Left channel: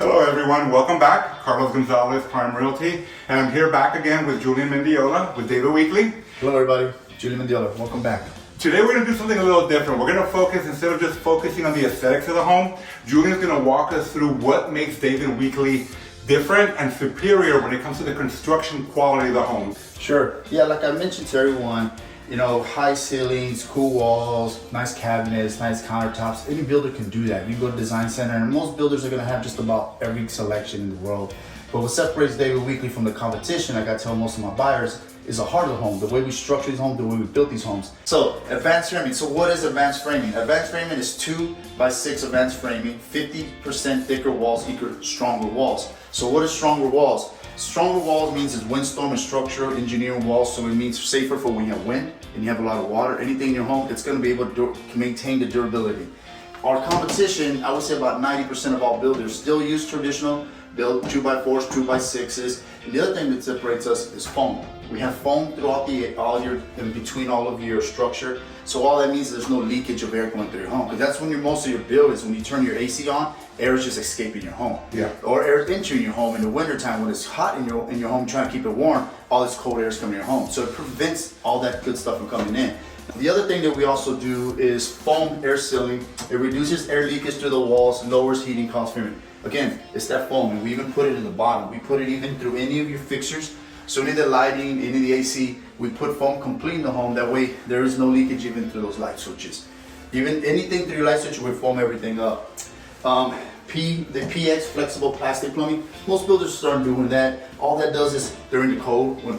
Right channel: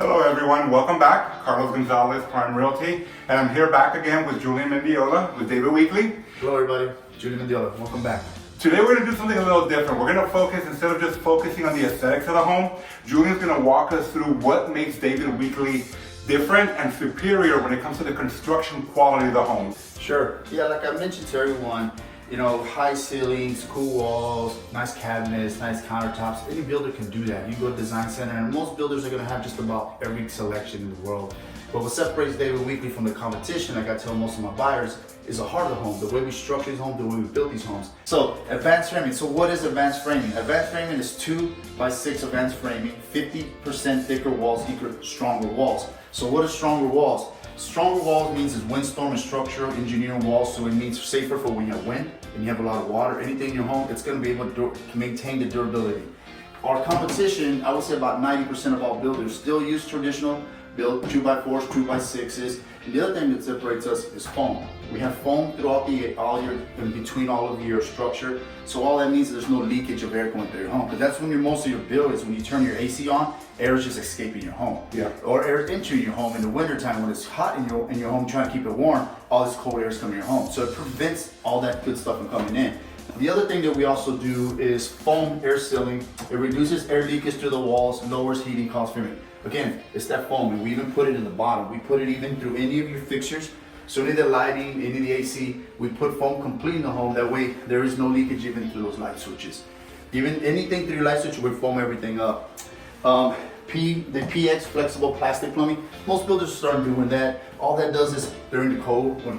Hello everyone, welcome back. Carlos Gonzalez, Prime Realty, and I'm here back again with Julian Mendiola with David Weekley. Hello everybody, Julian Mendiola, welcome back. Today we're going to do something a little different. We're going to focus, instead of just focusing on the aesthetics of the home, Julian's going to walk us through what makes David Weekley different and superior when it comes to the construction quality of the home. Sure. Yeah, like I mentioned to everyone, you know, high ceilings, cool walls, nice cabinets, nice countertops. Any builder can do that. You go to Design Center, and most builders are going to have just about every selection in the world. But what separates David Weekley from the competition, like I tell most of my buyers, is the heart of the home, the way we structure these homes, the way we built these homes. So, advanced framing. So what is advanced framing? Advanced framing is 2x6 advanced framing, 50% thicker walls equal stronger walls. So what is stronger walls? Stronger walls means it's windstorm and structural engineering walls, so it means safer for when you have wind and you have a lot of water. Anything in your home, it's going to be able to maintain the durability. Our competition, I would say about 90% of all builders still use traditional built 2x4s, 2x6s. And the other thing that separates us is foam. We have foam throughout in between all of your structure. So all that means is there's no leakage of air going through your home. Because that's when most of your build is when you turn your AC on, air is just escaping your home. Yeah. Or air is entering your home in the wintertime when it's hot in your home, trying to keep it warm, all this cold air is coming in your home. So it prevents all that good stuff from coming in. The other thing that we also do is foam air sealing. It reduces air leakage through the walls, lowers heating costs. Again, it's that foam, and we even put it in the bottom. We put it even through any of your fixtures. So any of the lighting, any of the AC, we put foam complete in the home. That way, there is no leakage even through those light switches. Even anything through your light switch, we foam everything up. The PX flexible plastic plumbing. Most builders start doing that. All that does is during the cold, when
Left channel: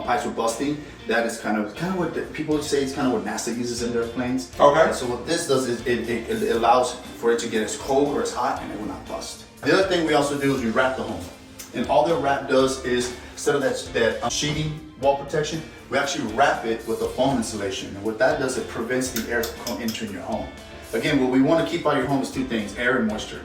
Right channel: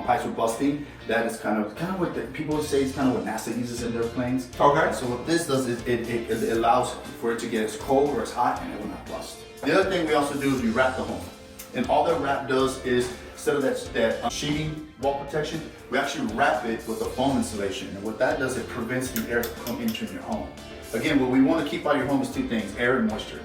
pipes are busting, that is kind of what people say. It's kind of what NASA uses in their planes. Okay. So what this does is it allows for it to get as cold or as hot, and it will not bust. The other thing we also do is we wrap the home, and all that wrap does is instead of that sheeting wall protection, we actually wrap it with a foam insulation. And what that does, it prevents the air from entering your home. Again, what we want to keep out of your home is two things: air and moisture.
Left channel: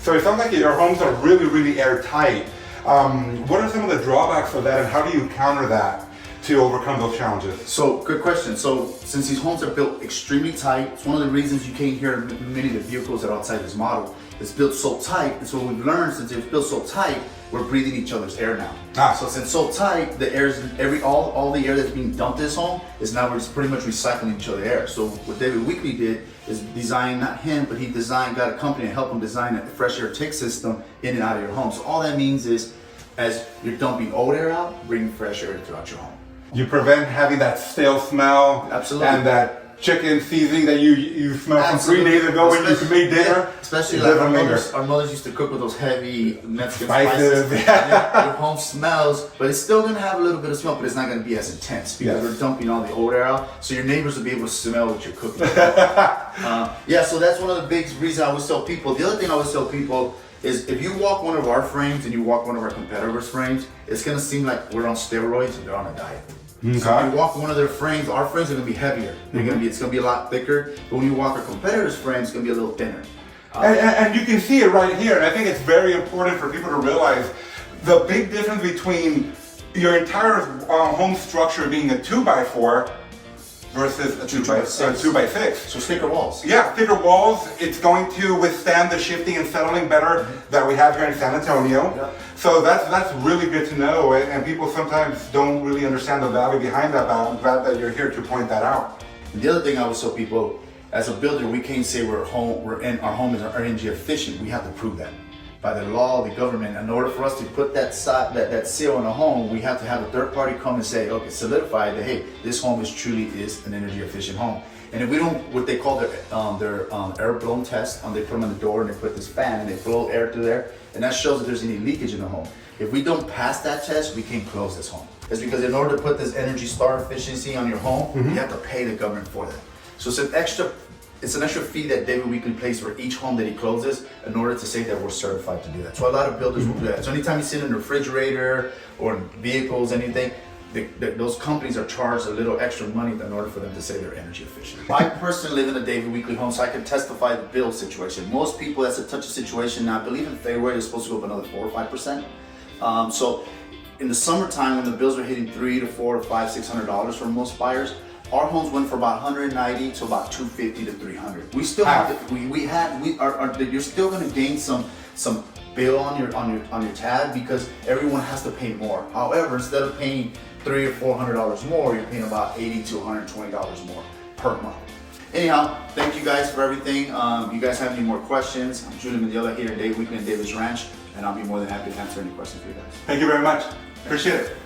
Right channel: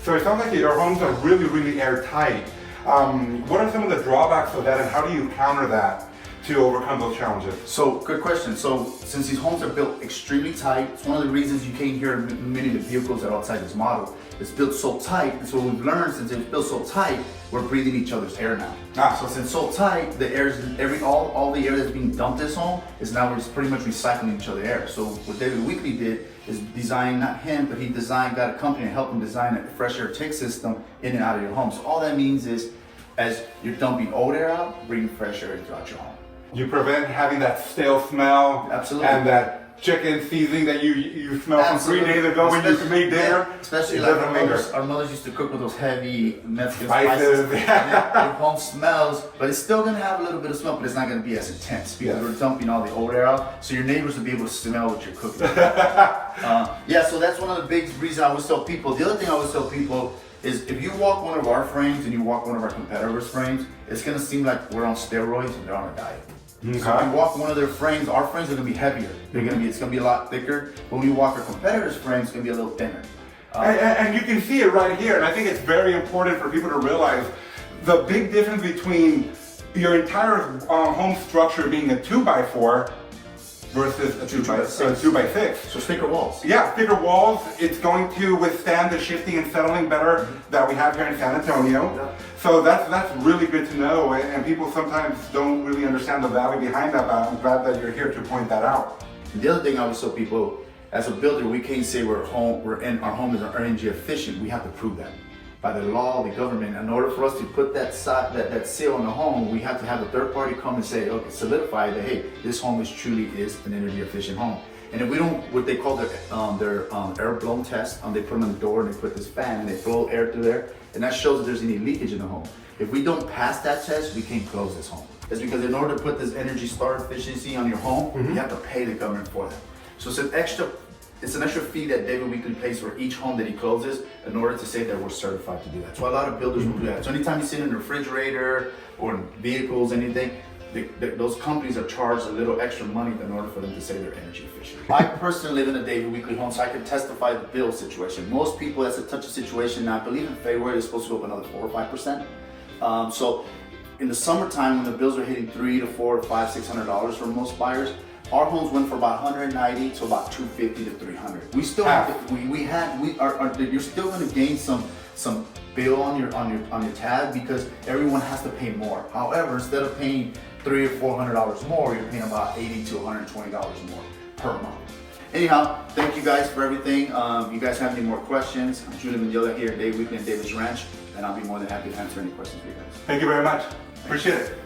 So it sounds like your homes are really, really airtight. What are some of the drawbacks of that, and how do you counter that to overcome those challenges? So, good question. So, since these homes are built extremely tight, it's one of the reasons you can't hear many of the vehicles that are outside this model. It's built so tight, and so what we've learned, since it's built so tight, we're breathing each other's air now. So since so tight, the air is all the air that's being dumped in this home is now pretty much recycling each other's air. So what David Weekley did is design, not him, but he got a company to help him design a fresh air take system in and out of your home. So all that means is, as you're dumping old air out, bring fresh air throughout your home. You prevent having that stale smell. Absolutely. And that chicken seasoning that you smelled from 3 days ago when you made dinner. Especially like our mothers used to cook with those heavy Mexican spices. Your home smells, but it's still gonna have a little bit of smell, but it's not gonna be as intense because we're dumping all the old air out. So your neighbors will be able to smell what you're cooking. Yeah, so that's one of the big reasons I always tell people. The other thing I always tell people is if you walk one of our frames and you walk one of our competitors' frames, it's gonna seem like we're on steroids and they're on a diet. Okay. So if you walk one of their frames, our frames are gonna be heavier. It's gonna be a lot thicker. But when you walk our competitors' frames, it's gonna be a little thinner. And you can see it right here. And I think it's very important for people to realize the big difference between your entire home structure being a 2x4 versus a 2x6. So thicker walls. Yeah, thicker walls. It's going to withstand the shifting and settling better that we have here in San Antonio. Yeah. So that's really good to know. And people sometimes don't really understand the value behind that, but I'm glad that you're here to point that out. The other thing I always tell people, as a builder, we can't say our home is energy efficient. We have to prove that. By the law, the government, in order for us to put that seal on a home, we have to have a third party come and say, okay, solidify that, hey, this home truly is an energy efficient home. And if we don't, what they call their air blown test, they put them on the door and they put this fan and they blow air through there, and that shows that there's any leakage in the home. If we don't pass that test, we can't close this home. It's because in order to put this Energy Star efficiency on your home, you have to pay the government for that. So it's an extra fee that David Weekley pays for each home that he closes in order to say that we're certified to do that. So a lot of builders will do that. So anytime you sit in a refrigerator or in vehicles, anything, those companies are charged a little extra money in order for them to say they're energy efficient. I personally live in a David Weekley home, so I can testify the bill situation. Most people, that's a touchy situation. Now, I believe in February, it's supposed to go up another 4 or 5%. So in the summertime, when the bills are hitting $300 to $400 to $500, $600 for most buyers, our homes went from about 190 to about 250 to 300. We still have to, you're still going to gain some some bill on your tab because everyone has to pay more. However, instead of paying $300 or $400 more, you're paying about $80 to $120 more per month. Anyhow, thank you guys for everything. If you guys have any more questions, I'm Julie Mendiola here at Dave Weekley and David's Ranch, and I'll be more than happy to answer any questions for you guys. Thank you very much. Appreciate it.